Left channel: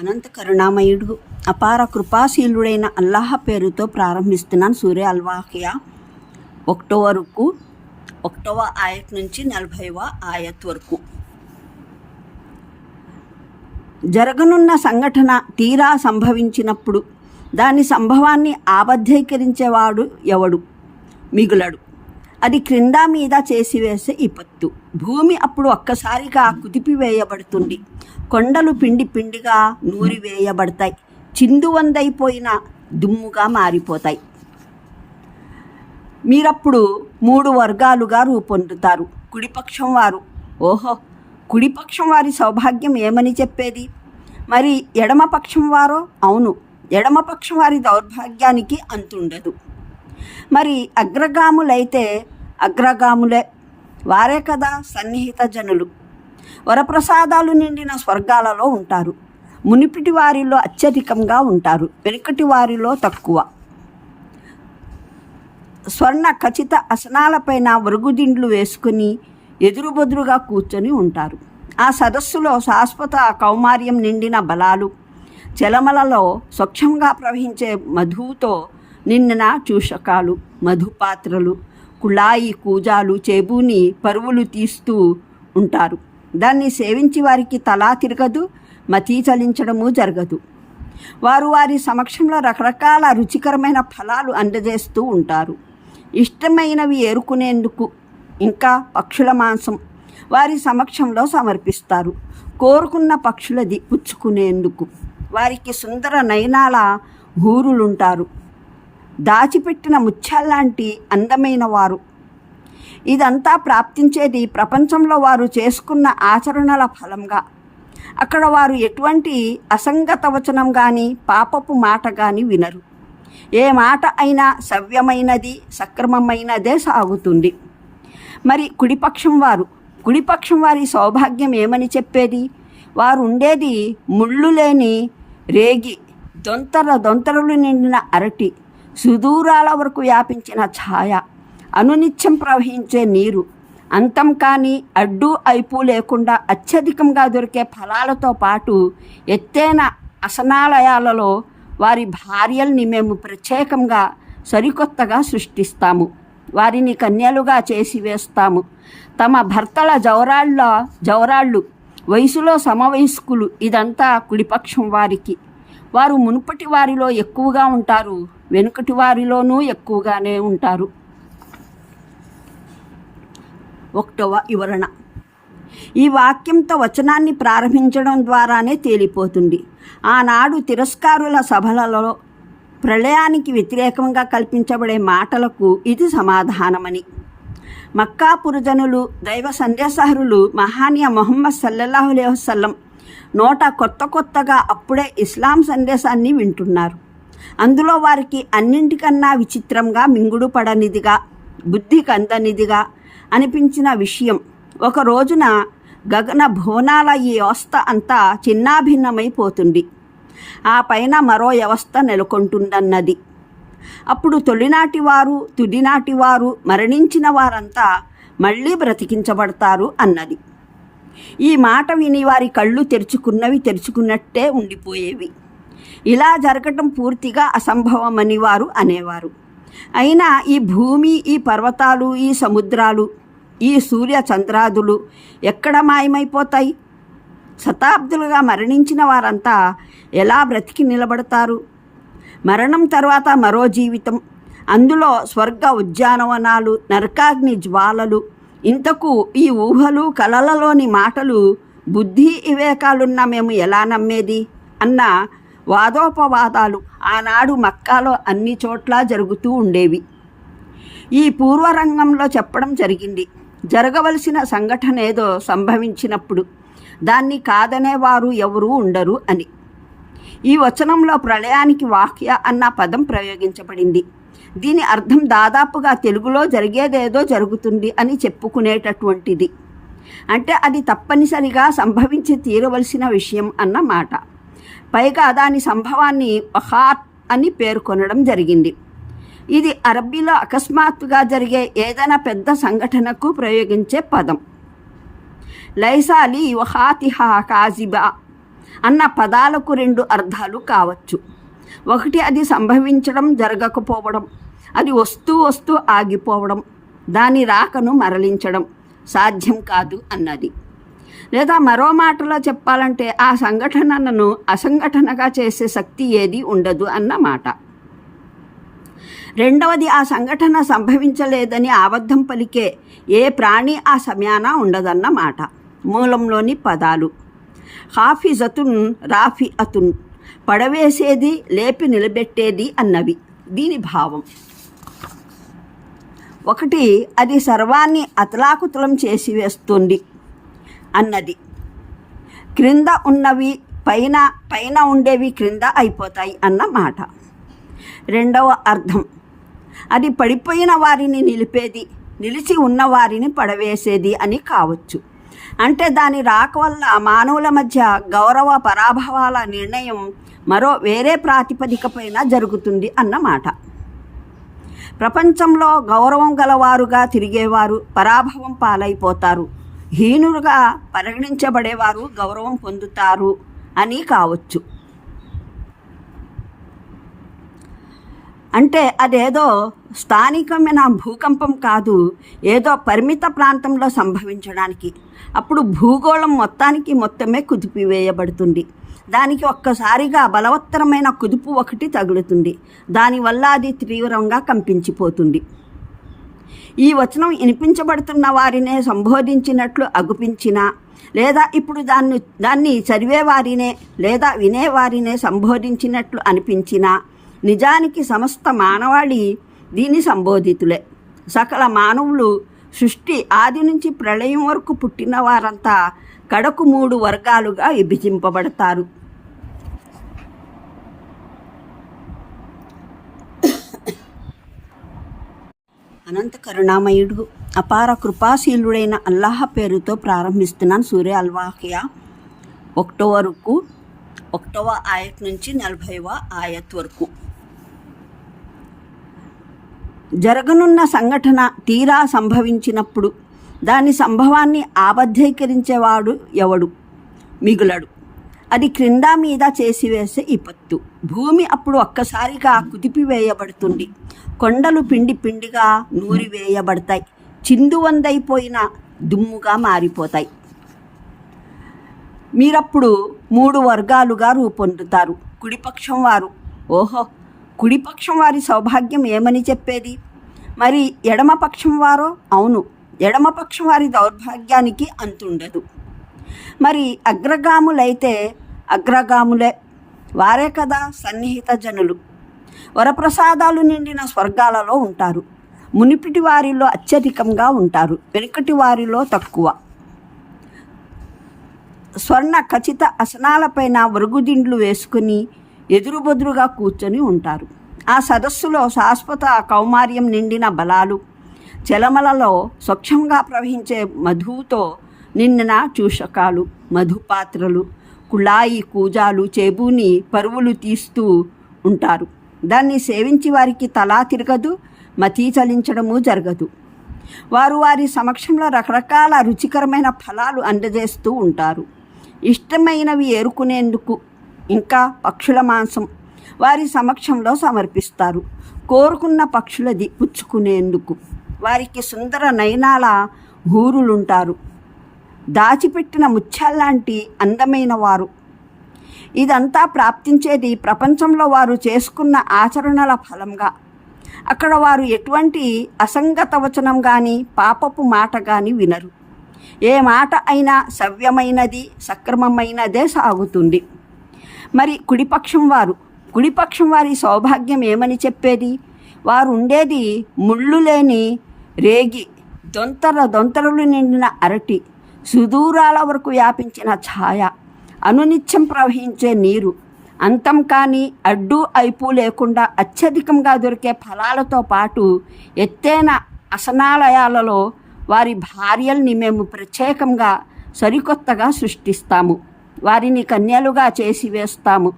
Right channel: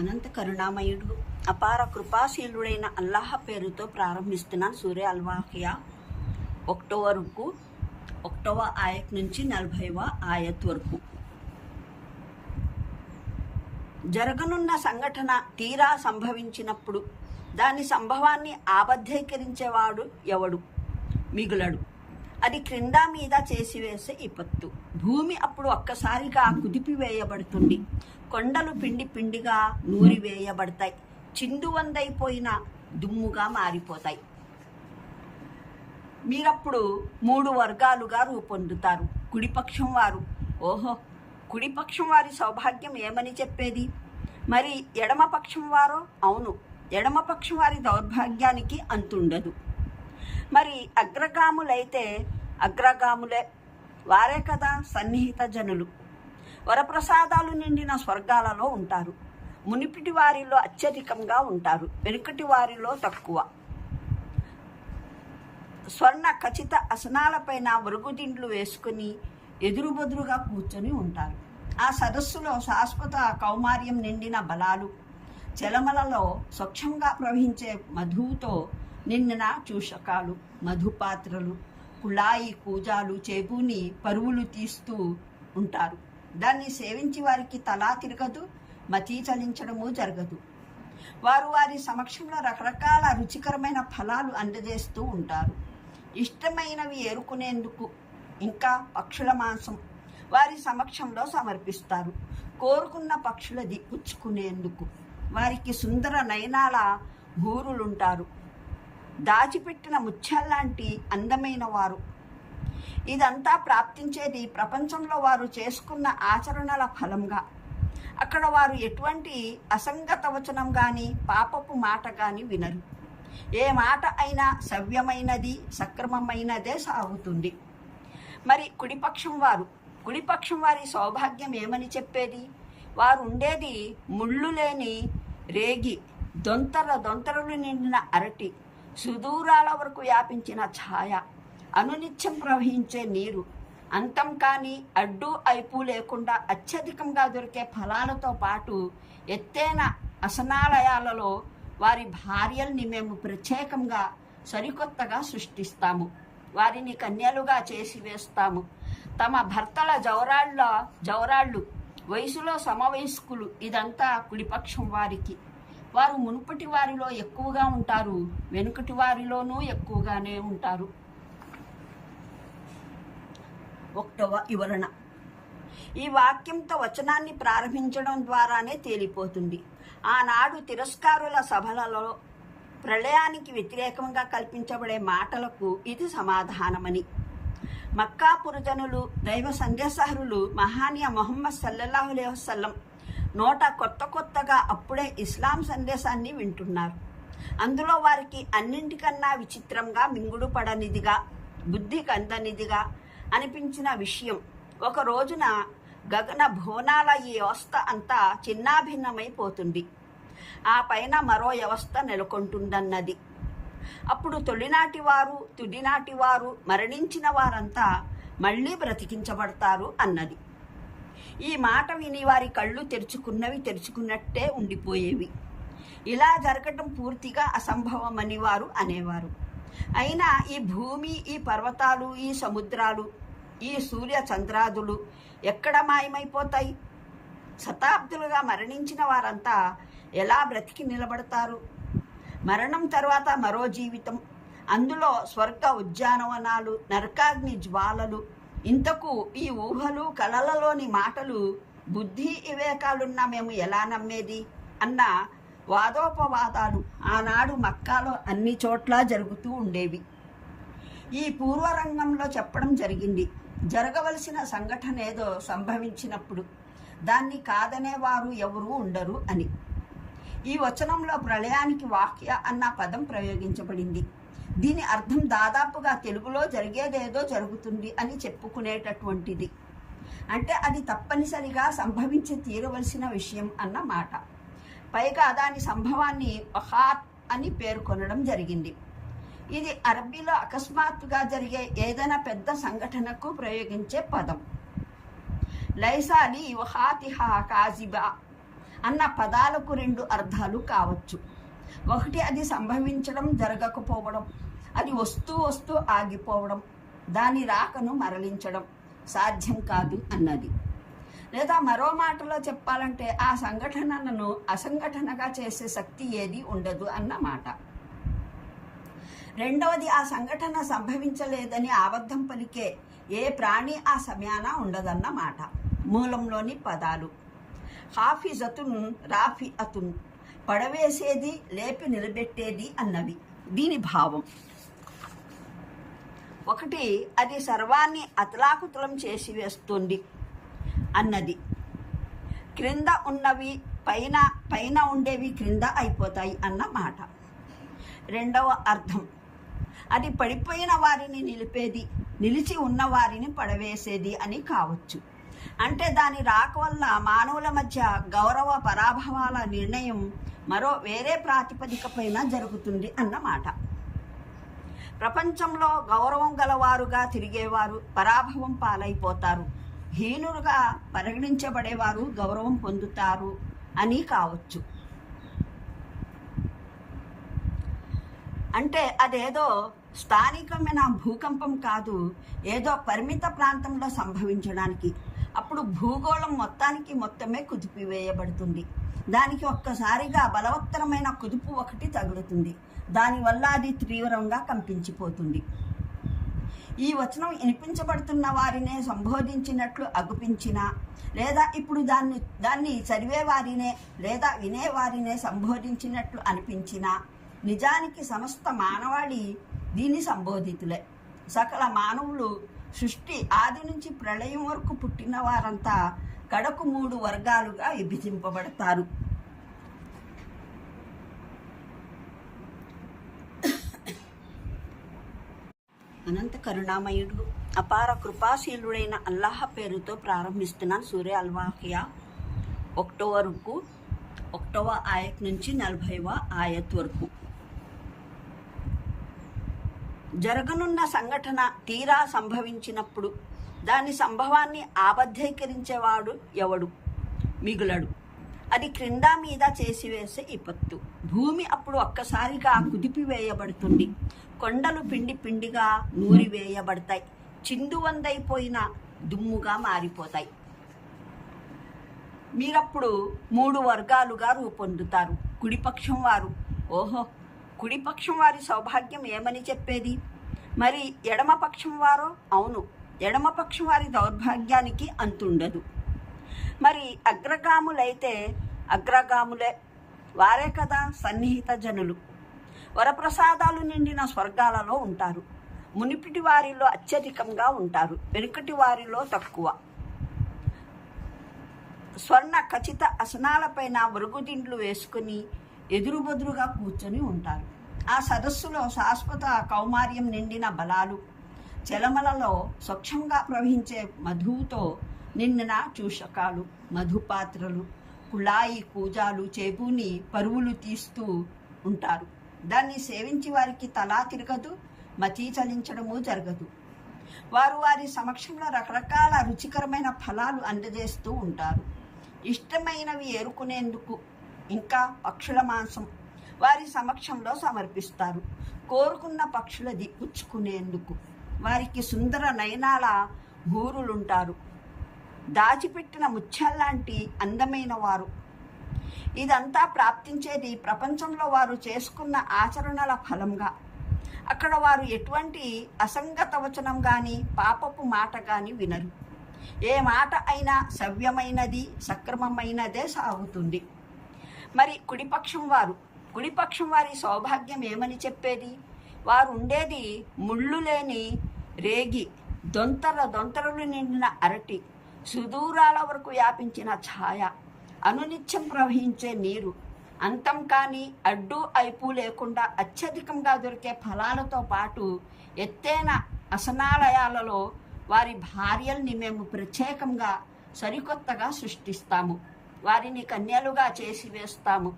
అనంత కరుణామయుడు అపార కృపాశీలుడైన అల్లాహ్ పేరుతో ప్రారంభిస్తున్నాను. సూర్య అల్వాకియా 1వ ఆయత్ నుంచి 40వ ఆయత్ వరకు. జరగనున్న సంఘటన తీరా సంభవించినప్పుడు దాని సంభవాన్ని ఆబద్ధీకరించేవాడు ఎవడు మిగులడు. అది క్రింద మీద చేసివేసే విపత్తు. భూమి అప్పుడు ఒక్కసారిగా కుదిపివేయబడుతుంది. కొండలు పిండి పిండిగా నూరివేయబడతాయి. చిందువందైపోయిన దుమ్ముగా మారిపోతాయి. మీరప్పుడు 3 వర్గాలుగా రూపొందుతారు. కుడిపక్షం వారు, ఓహో కుడిపక్షం వారి సౌభాగ్యం ఏమని చెప్పేది. మరి ఎడమపక్షం వారో, అవును ఎడమపక్షం వారి దౌర్భాగ్యానికి అంతుండదు. మరి అగ్రగాములైతే అగ్రగాములే, వారే కదా సన్నిహిత జనులు. వరప్రసాదాలు నిండిన స్వర్గాలలో ఉంటారు. మునిపిటి వారిలో అత్యధికంగా ఉంటారు, వెనుకటి వారిలో తక్కువ. స్వర్ణ ఖచ్చిత అసనాలపైన వరుగుదిండ్లు వేసుకుని ఎదురుబెదురుగా కూర్చొని ఉంటారు. ఆ సదస్సులో శాశ్వత కౌమార్యం నిండిన బలాలు, చలమలలో స్వచ్ఛంగా ప్రవహించే మధువుతో నిండిన చూషకాలు, మధుపాత్రలు, కుళాయి కూజాలు చేబూని పరువులు తీస్తూ ఉంటారు. దాన్ని సేవించి వారికి తలా తిరగదు, మతీ చలించడము జరగదు. వారు వారి సమక్షంలో రకరకాల రుచికరమైన ఫలాలు అందజేస్తూ ఉంటారు. ఇష్టమైనవి ఏరుకునేందుకు ఇంకా పక్షుల మాంసం వారి సమక్షంలో సమర్పిస్తారు. కోరుకున్న పక్షులది పుచ్చుకునేందుకు వారికి సుందర నయనాల హూరులుంటారు. దాచిపెట్టిన ముత్యాల్లాంటి అందమైన వారు. ఇదంతా ప్రాప్తించేది ప్రపంచంలో వారు చేసుకున్న ఆచరణల ఫలంగా. అక్కడ వారు ఎటువంటి అసంగత వచనం కానీ పాపపు మాట కానీ వినరు. ఏ మాట అయినా సవ్యమైనది, సక్రమమైనదే సాగుతుంది. మరి కుడిపక్షం వారి సౌభాగ్యం ఏమని చెప్పేది. వారు ఉండేది ముళ్ళు లేని రేగి, దొంతరలు నిండిన అరటి, సుదూరాల వరకు వ్యాపించిన ఛాయ, అనునిత్యం ప్రవహించే నీరు, అంతం కానీ అడ్డు అయిపు లేకుండా అత్యధికంగా దొరికే ఫలాలతో పాటు ఎత్తైన అసనాలయాలలో వారి భార్యల్ని మేము ప్రత్యేకంగా సరికొత్తగా సృష్టిస్తాము. వారిని కన్యలుగా చేసి వేస్తాము. తమ భర్తల జవరాళ్ళు వయసులో సమవయస్కులు. ఇదంతా కుడిపక్షం వారికి. వారు మునుపటి వారిలో ఎక్కువగా ఉంటారు, వెనుకటి వారిలోనూ ఎక్కువగానే ఉంటారు. 1వ వివరణ. ఈ వాక్యంతో వచనాన్ని ప్రారంభించడం ద్వారానే తేలిపోతుంది. ఆనాడు తిరస్కారుల సభలలో ప్రళయానికి వ్యతిరేకంగా కల్పించబడే మాటలకు ఇది సమాధానమని. మక్కా పురజనులు, దైవ సందేశహరులు మహానీయ ముహమ్మద్ సల్లల్లాహు అలైహి వసల్లం నోట కొత్తగా అప్పుడే ఇస్లాం సందేశాన్ని వింటున్నారు. అందులో వారికి అన్నింటికన్నా విచిత్రంగా, మింగుడు పడనిదిగా, బుద్ధికి అందనిదిగా అనిపించిన విషయం, ఒక రోజున గగన భువనాల ఈ వ్యవస్థ అంతా చిన్నాభిన్నమైపోతుంది. ఆ పైన మరో వ్యవస్థ నెలకొంటుందన్నది. అప్పుడు తొలినాటివారు, తుదినాటివారు, మరణించిన వారంతా మళ్ళీ బ్రతికించబడతారు అన్నది. ఈ మాట విని వారి కళ్ళు తెరుచుకున్నట్టే ఉండిపోయేవి. ఇలా జరగటం పూర్తిగా అసంభవమని వారు అనేవారు. అయినా ఈ భూమి, ఈ పర్వతాలు, ఈ సముద్రాలు, ఈ సూర్య చంద్రాదులు ఎక్కడ మాయమైపోతాయి? శతాబ్దులుగా మరణించిన వారంతా ఎలా బ్రతికి నిలబడతారు? మరణం తర్వాత మరో జీవితం, అందులో స్వర్గ ఉద్యానవనాలు, నరకాగ్ని జ్వాలలు. ఇంతకు ఈ ఊహలు, కలలలోని మాటలు బుద్ధి వివేకాలున్న మేము ఎలా నమ్మేది అన్న వాదోపవాదాలు ఆనాడు మక్కాలో అన్ని చోట్ల జరుగుతూ ఉండేవి. ఈ పూర్వరంగంలో చెప్పడం జరిగింది. జరగవలసిన సంఘటన ఏదో సంభవించినప్పుడు దాన్ని కాదనేవారు ఎవరూ ఉండరు అని. ఈ వచనంలో ప్రళయానికి వాక్య అన్న పదం ప్రయోగించబడింది. దీని అర్థం దాదాపుగా తెలుగులో జరిగేదేదో జరుగుతుంది అని చెప్పుకునేటటువంటిది. అంటే అది తప్పనిసరిగా సంభవించి తీరవలసిన విషయం అన్నమాట. పైగా దాని సంభవాన్ని వఖాత్ అని పేర్కొనడం జరిగింది. ఇది అరబ్బీలో అకస్మాత్తుగా జరిగే ఏదైనా పెద్ద సంఘటనకు ప్రయోగించే పదం. లైసాలి వఖాతిహా కాజిబా అన్న పదాలకు రెండు అర్థాలు కావచ్చు. ఒకటి, అది సంభవించడం, జరగకపోవడం, అది వస్తూ వస్తూ ఆగిపోవడం, దాని రాకను మరలించడం సాధ్యం కాదు అన్నది. లేదా మరో మాటలో చెప్పాలంటే ఆ సంఘటనను అసంఘటనగా చేసే శక్తి ఏది ఉండదు అన్నమాట. రెండవది, ఆ సంఘటన సంభవించలేదని అబద్ధం పలికే ఏ ప్రాణి ఆ సమయాన ఉండదన్నమాట. మూలంలోని పదాలు హాఫిజతున్, రాఫిఅతున్, పడవేసేది, లేపి నిలబెట్టేది అన్నవి. దీని భావం ఒకటి, అది సర్వాన్ని అతలాకుతలం చేసి వేస్తుంది అన్నది. క్రింద ఉన్నవి పైన, పైన ఉండేవి క్రింద అయిపోతాయి అన్నమాట. రెండవ అర్థం, అది పడిపోయిన వారిని నిలిపేది, నిలిచి ఉన్న వారిని పడవేసేది అని కావచ్చు. అంటే దాని రాక వల్ల మానవుల మధ్య గౌరవ పరాభవాల నిర్ణయం మరో వేరే ప్రాతిపదికపైన జరుగుతుంది అన్నమాట. ప్రపంచంలో గౌరవం గలవారుగా తిరిగేవారు పరాభవం పాలైపోతారు, హీనులుగా పరిగణించబడేవారు గౌరవం పొందుతారు అని కావచ్చు. అంటే అదేదో స్థానికమైన భూకంపం కాదు, ఏదో పరిమిత ప్రాంతంలో సంభవించడానికి. అప్పుడు భూగోళం మొత్తమే కుదిపివేయబడుతుంది. దానికి ఒక్కసారిగా బలవత్తరమైన కుదుపు ఒకటి తగులుతుంది. దానివల్ల అది తీవ్రంగా కంపించిపోతుంది. ఈ వచనం వినిపించబడుతున్న వారినే సంబోధించినట్లు అగుపించినా, లేదా ఇప్పుడు దాన్ని చదివేవారినే లేదా వినేవారినే సంబోధించినట్లు అనిపించినా, నిజానికి సమస్త మానవాళి దీని సంబోధితులే. సకల మానవులు సృష్టి ఆది నుంచి ప్రళయం వరకు పుట్టిన వారంతా కడకు 3 వర్గాలుగా విభజింపబడతారు. అనంత కరుణామయుడు, అపార కృపాశీలుడైన అల్లాహ్ పేరుతో ప్రారంభిస్తున్నాను. సూర్య అల్-వాకియా 1వ ఆయత్ నుంచి 40వ ఆయత్ వరకు. జరగనున్న సంఘటన తీరా సంభవించినప్పుడు దాని సంభవాన్ని ఆబద్ధీకరించేవాడు ఎవడు మిగులడు. అది క్రింద మీద చేసివేసే విపత్తు. భూమి అప్పుడు ఒక్కసారిగా కుదిపివేయబడుతుంది. కొండలు పిండి పిండిగా నూరివేయబడతాయి, చిందువందైపోయిన దుమ్ముగా మారిపోతాయి. మీరప్పుడు 3 వర్గాలుగా రూపొందుతారు. కుడిపక్షం వారు, ఓహో కుడిపక్షం వారి సౌభాగ్యం ఏమని చెప్పేది. మరి ఎడమపక్షం వారో, అవును ఎడమపక్షం వారి దౌర్భాగ్యానికి అంతుండదు. మరి అగ్రగాములైతే అగ్రగాములే, వారే కదా సన్నిహిత జనులు. వరప్రసాదాలు నిండిన స్వర్గాలలో ఉంటారు. మునిపిటి వారిలో అత్యధికంగా ఉంటారు, వెనుకటి వారిలో తక్కువ. స్వర్ణ ఖచ్చిత అసనాలపైన వరుగుదిండ్లు వేసుకుని ఎదురుబెదురుగా కూర్చొని ఉంటారు. ఆ సదస్సులో శాశ్వత కౌమార్యం నిండిన బలాలు, చలమలలో స్వచ్ఛంగా ప్రవహించే మధువుతో నిండిన చూషకాలు, మధుపాత్రలు, కుళాయి కూజాలు చేబూని పరువులు తీస్తూ ఉంటారు. దాన్ని సేవించి వారికి తలా తిరగదు, మతీ చలించడము జరగదు. వారు వారి సమక్షంలో రకరకాల రుచికరమైన ఫలాలు అందజేస్తూ ఉంటారు. ఇష్టమైనవి ఏరుకునేందుకు ఇంకా పక్షుల మాంసం వారి సమక్షంలో సమర్పిస్తారు. కోరుకున్న పక్షులది పుచ్చుకునేందుకు వారికి సుందర నయనాల హూరులుంటారు, దాచిపెట్టిన ముత్యాల్లాంటి అందమైన వారు. ఇదంతా ప్రాప్తించేది ప్రపంచంలో వారు చేసుకున్న ఆచరణల ఫలంగా. అక్కడ వారు ఎటువంటి అసంగత వచనం కానీ పాపపు మాట కానీ వినరు. ఏ మాట అయినా సవ్యమైనది, సక్రమమైనదే సాగుతుంది. మరి కుడిపక్షం వారి సౌభాగ్యం ఏమని చెప్పేది. వారు ఉండేది ముళ్ళు లేని రేగి, దొంతరలు నిండిన అరటి, సుదూరాల వరకు వ్యాపించిన ఛాయ, అనునిత్యం ప్రవహించే నీరు, అంతం కానీ అడ్డు అయిపు లేకుండా అత్యధికంగా దొరికే ఫలాలతో పాటు ఎత్తైన అసనాలయాలలో వారి భార్యల్ని మేము ప్రత్యేకంగా సరికొత్తగా సృష్టిస్తాము. వారిని కన్యలుగా చేసి వేస్తాము.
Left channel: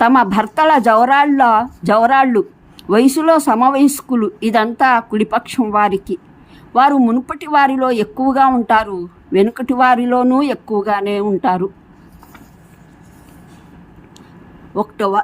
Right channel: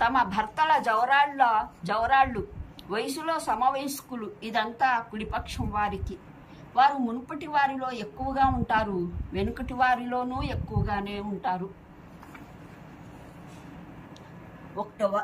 తమ భర్తల జవరాళ్ళు వయసులో సమవయస్కులు. ఇదంతా కుడిపక్షం వారికి. వారు మునుపటి వారిలో ఎక్కువగా ఉంటారు, వెనుకటి వారిలోనూ ఎక్కువగానే ఉంటారు. ఒకటవ